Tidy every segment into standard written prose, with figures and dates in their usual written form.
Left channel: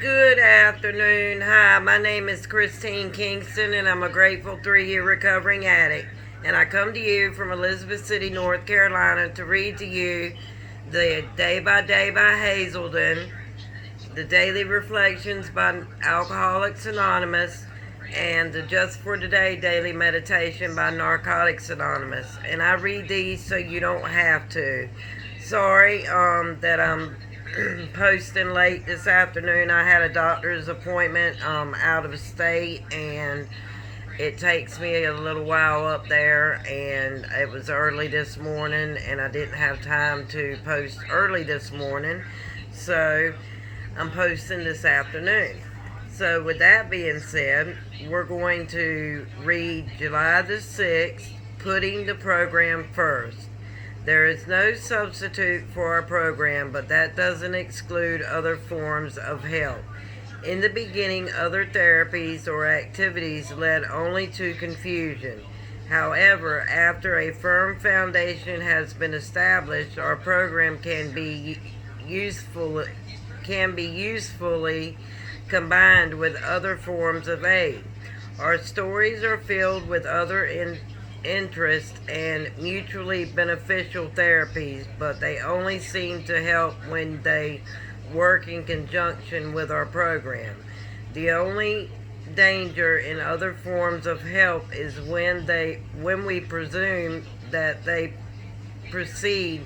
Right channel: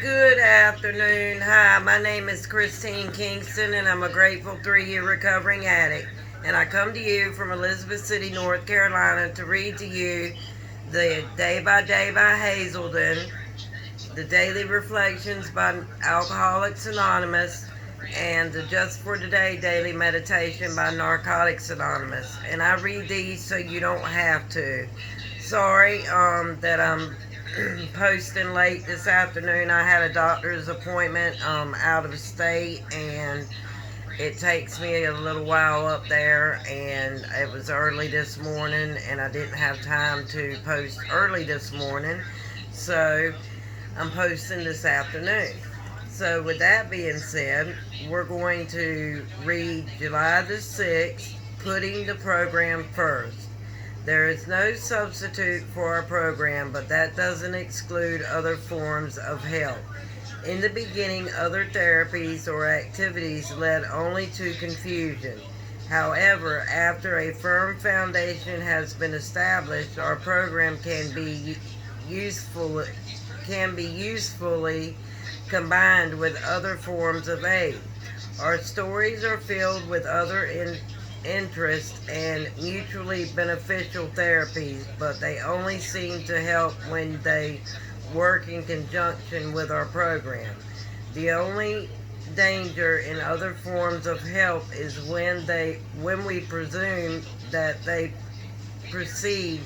Good afternoon. Hi, my name is Christine Kingston, and I'm a grateful 3-year recovering addict. And I come to you from Elizabeth City, North Carolina, to read to you the Day by Day by Hazelden, the Daily Reflections by Alcoholics Anonymous, and the Just for Today Daily Meditation by Narcotics Anonymous. And I read these so you don't have to. Sorry that I'm posting late this afternoon. I had a doctor's appointment out of state, and it takes me a little while up there, and it was early this morning, and I didn't have time to post early this morning, so I'm posting this afternoon. So with that being said, we're going to read July the 6th, Putting the Program First. There is no substitute for our program, but that doesn't exclude other forms of help. In the beginning, other therapies or activities led only to confusion. However, after a firm foundation has been established, our program can be usefully combined with other forms of aid. Our stories are filled with other interest and mutually beneficial therapies, but they only seem to help when they work in conjunction with our program. The only danger in other forms of help is when we presume that they precede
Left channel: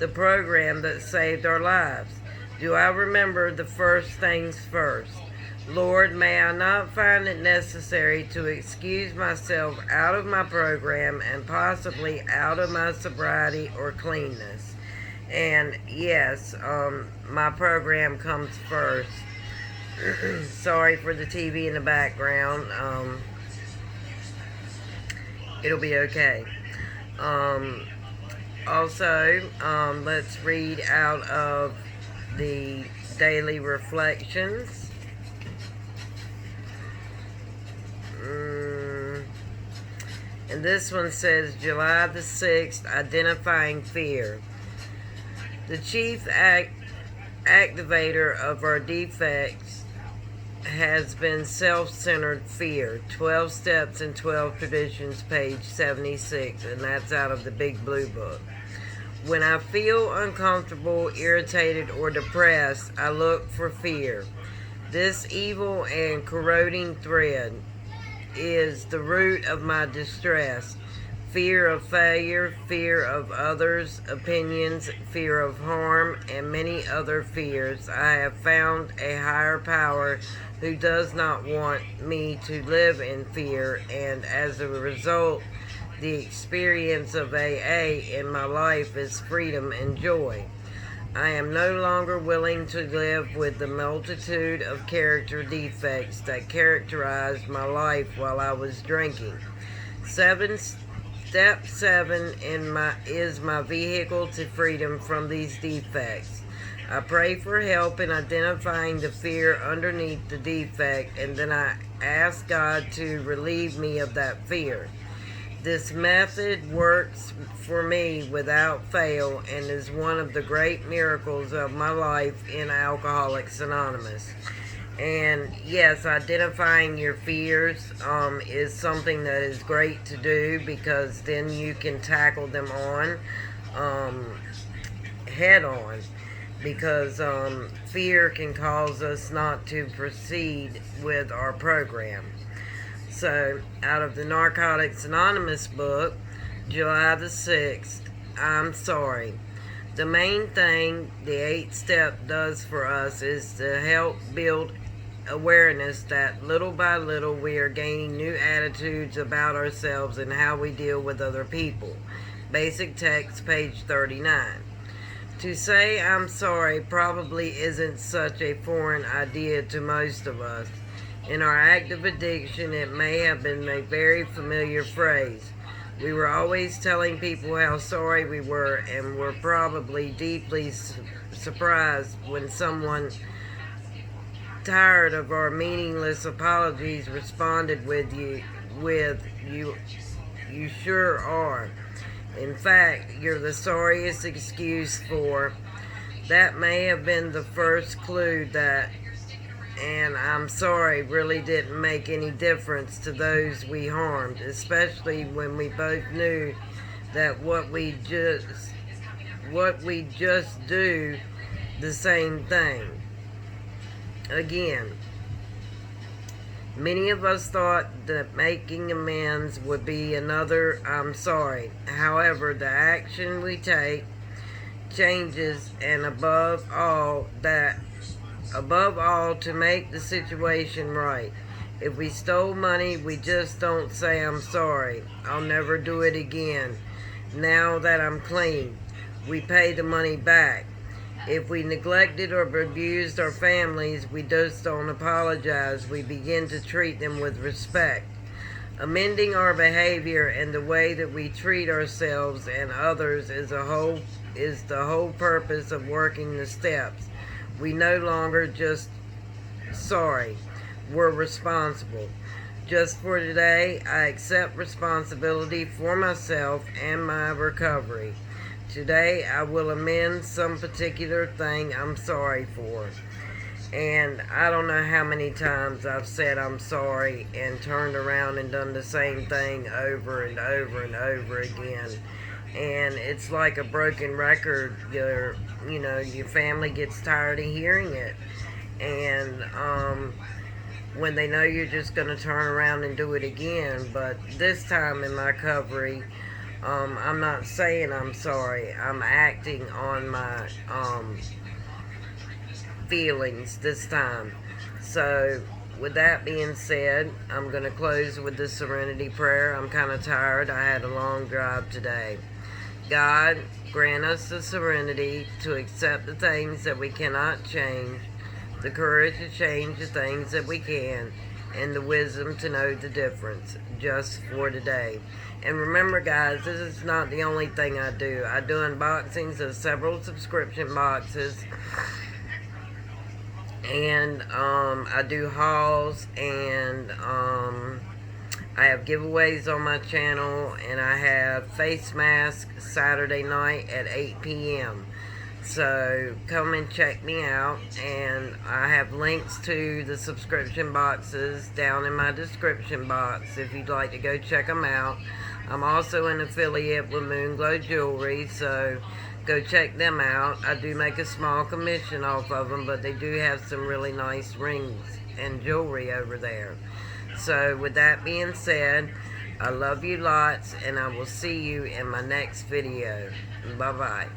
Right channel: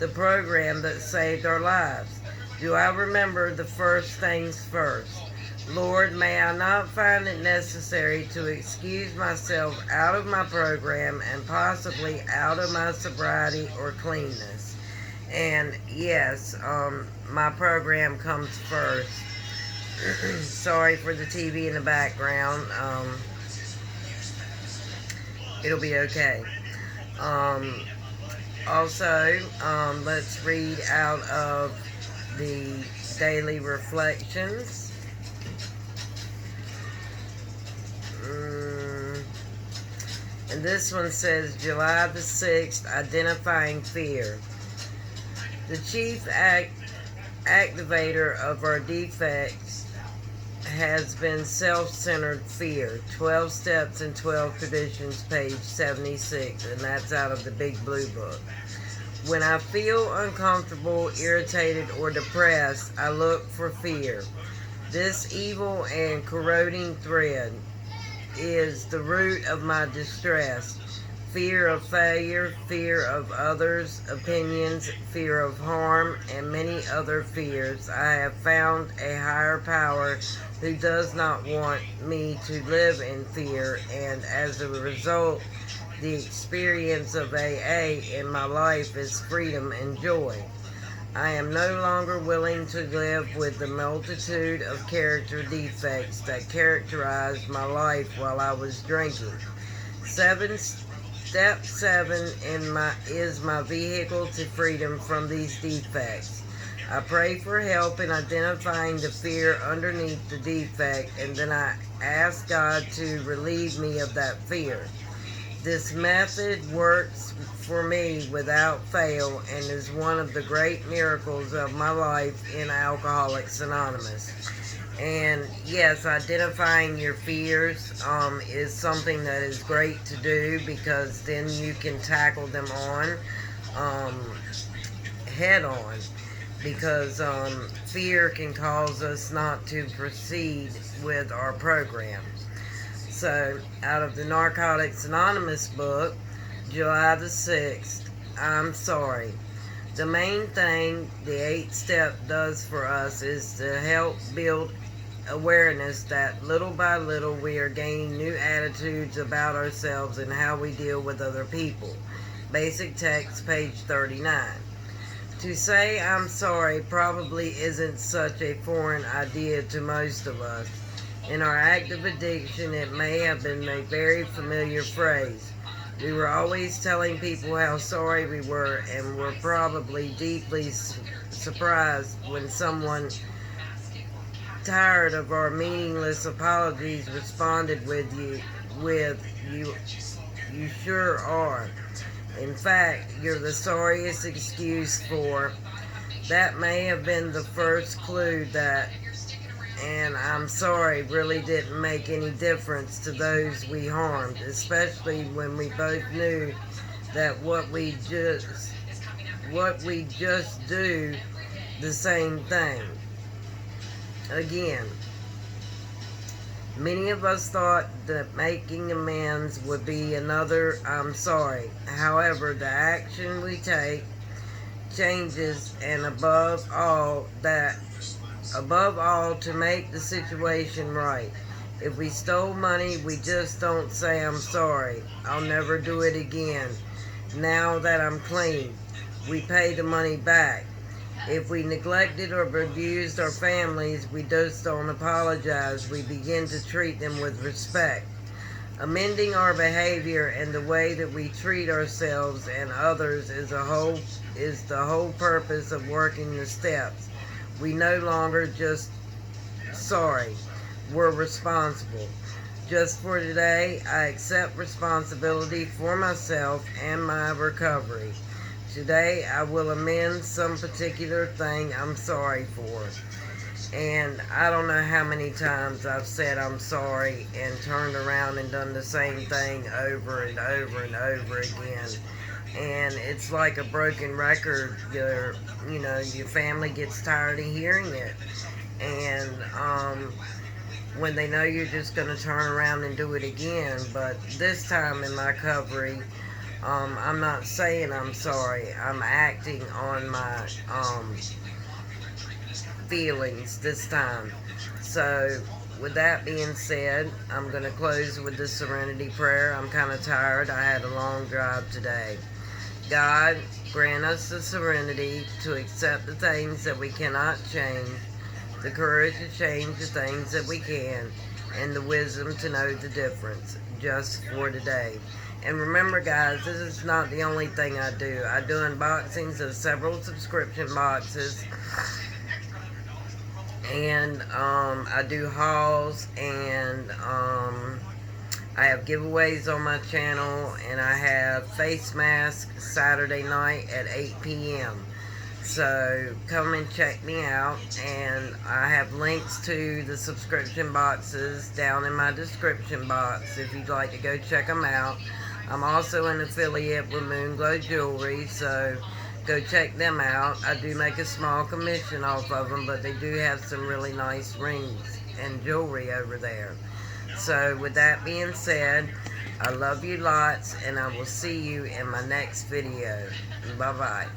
the program that saved our lives. Do I remember the first things first? Lord, may I not find it necessary to excuse myself out of my program and possibly out of my sobriety or cleanness. And yes, my program comes first. Sorry for the TV in the background. It'll be okay. Also, let's read out of the Daily Reflections. And this one says July the 6th, Identifying Fear. The chief activator of our defects has been self-centered fear. 12 Steps and 12 Traditions, page 76, and that's out of the Big Blue Book. When I feel uncomfortable, irritated, or depressed, I look for fear. This evil and corroding thread is the root of my distress. Fear of failure, fear of others' opinions, fear of harm, and many other fears. I have found a higher power who does not want me to live in fear, and as a result, the experience of AA in my life is freedom and joy. I am no longer willing to live with the multitude of character defects that characterized my life while I was drinking. Step 7 is my vehicle to freedom from these defects. I pray for help in identifying the fear underneath the defect, and then I ask God to relieve me of that fear. This method works for me without fail and is one of the great miracles of my life in Alcoholics Anonymous. And yes, identifying your fears is something that is great to do, because then you can tackle them head on. Because fear can cause us not to proceed with our program. So, out of the Narcotics Anonymous book, July the 6th, I'm sorry. The main thing the 8th step does for us is to help build awareness that little by little we are gaining new attitudes about ourselves and how we deal with other people. Basic text, page 39. To say I'm sorry probably isn't such a foreign idea to most of us. In our active addiction, it may have been a very familiar phrase. We were always telling people how sorry we were, and were probably deeply surprised when someone tired of our meaningless apologies responded with you sure are. In fact, you're the sorriest excuse for. That may have been the first clue that and I'm sorry really didn't make any difference to those we harmed, especially when we both knew that what we just do the same thing. Again, many of us thought that making amends would be another I'm sorry. However, the action we take changes, and above all, to make the situation right. If we stole money, we just don't say I'm sorry, I'll never do it again, now that I'm clean. We pay the money back. If we neglected or abused our families, we just don't apologize. We begin to treat them with respect. Amending our behavior and the way that we treat ourselves and others is the whole purpose of working the steps. We no longer just sorry, we're responsible. Just for today, I accept responsibility for myself and my recovery. Today, I will amend some particular thing I'm sorry for. And I don't know how many times I've said I'm sorry and turned around and done the same thing over and over and over again. And it's like a broken record. Your family gets tired of hearing it. And when they know you're just going to turn around and do it again. But this time in my recovery, I'm not saying I'm sorry. I'm acting on my feelings this time. So with that being said, I'm going to close with the serenity prayer. I'm kind of tired. I had a long drive today. God, grant us the serenity to accept the things that we cannot change, the courage to change the things that we can, and the wisdom to know the difference just for today. And remember, guys, this is not the only thing I do. I do unboxings of several subscription boxes, and I do hauls, and I have giveaways on my channel, and I have face masks Saturday night at 8 p.m. So come and check me out, and I have links to the subscription boxes down in my description box if you'd like to go check them out. I'm also an affiliate with Moonglow Jewelry, so go check them out. I do make a small commission off of them, but they do have some really nice rings and jewelry over there. So with that being said, I love you lots, and I will see you in my next video. Bye-bye.